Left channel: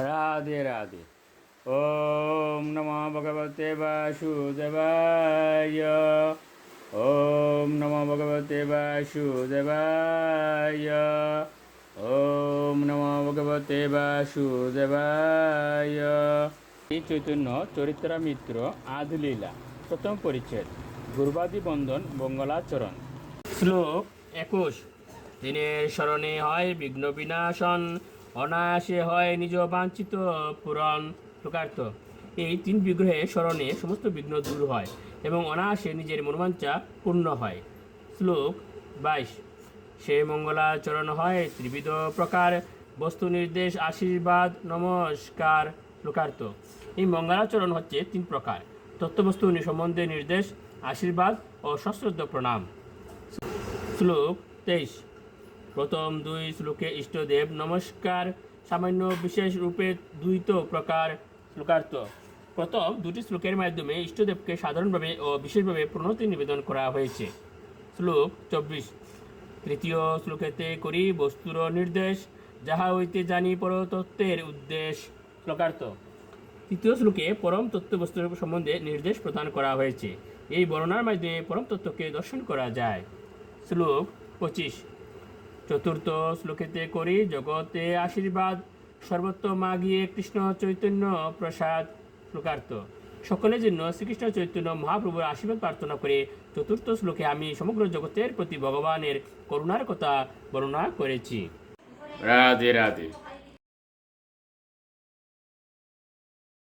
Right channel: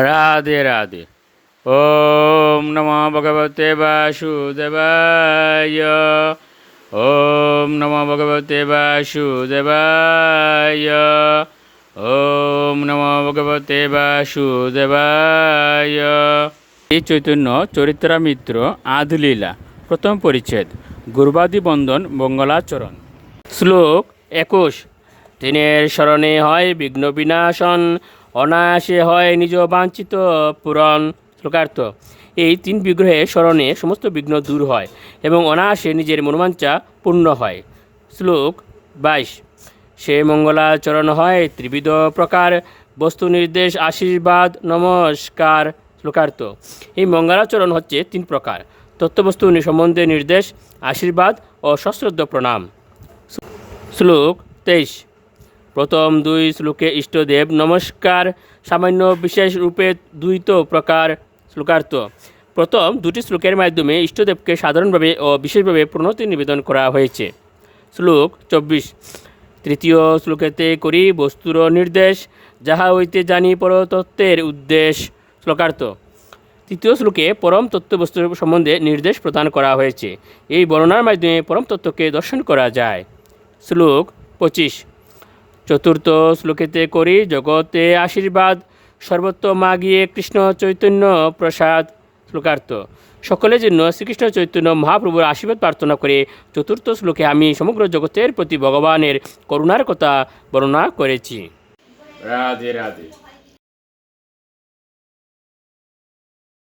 রাধে রাধে। ওম নমো ভগবতে বাসুদেবায়। ওম নমো ভগবতে বাসুদেবায়। ওম নমো ভগবতে বাসুদেবায়। এই চৈতন্য চরিত্রামিত্র আধলীলা প্রথম পরিচ্ছেদ গুরুবাদী বন্দন মঙ্গলাচরণ। শ্লোক 21। তিনের স্মরণে হয় বিঘ্ন বিনাশন, অনায়াসে হয় নিজ বাঞ্ছিত পূরণ। শ্লোকার্থ: এই তিন বিগ্রহের স্মরণে সমস্ত বিঘ্ন দূর হয় এবং অনায়াসে নিজের মনোবাঞ্ছা পূর্ণ হয়। শ্লোক 22। সে মঙ্গলাচরণ হয় ত্রিবিধ প্রকার, বস্তু নির্দেশ, আশীর্বাদ, নমস্কার। শ্লোকার্থ: এই মঙ্গলাচরণ হচ্ছে তিন প্রকার: তত্ত্ববস্তু সম্বন্ধে নির্দেশ, আশীর্বাদ ও সশ্রদ্ধ প্রণাম। শ্লোক 23। প্রথম দুই শ্লোকে ইষ্টদেব নমস্কার সামান্য বিশেষ রূপে দ্বৈত প্রকার। শ্লোকার্থ: প্রথম দুটি শ্লোকের মাধ্যমে ইষ্টদেবকে সাধারণভাবে ও বিশেষভাবে প্রণতি নিবেদন করা হয়েছে। শ্লোক 24। তৃতীয় শ্লোকেতে করি বস্তুর নির্দেশ, যাহা হইতে জানি পরতত্ত্বের উদ্দেশ্য। শ্লোকার্থ: তৃতীয় শ্লোকে পরম তত্ত্ববস্তু সম্বন্ধে নির্দেশ প্রদান করা হয়েছে। এই বর্ণনার মাধ্যমে পরম তত্ত্বকে দর্শন করা যায়। শ্লোক 25। চতুর্থ শ্লোকেতে করি জগতে আশীর্বাদ, সর্বত্র মাগিয়ে কৃষ্ণ চৈতন্য প্রসাদ। শ্লোকার্থ: সকলের জন্য শ্রীকৃষ্ণ চৈতন্য মহাপ্রভুর আশীর্বাদ প্রার্থনা করে চতুর্থ শ্লোকে আমি সমগ্র জগতের প্রতি ভগবানের করুণার কথা বর্ণনা করেছি। রাধে রাধে।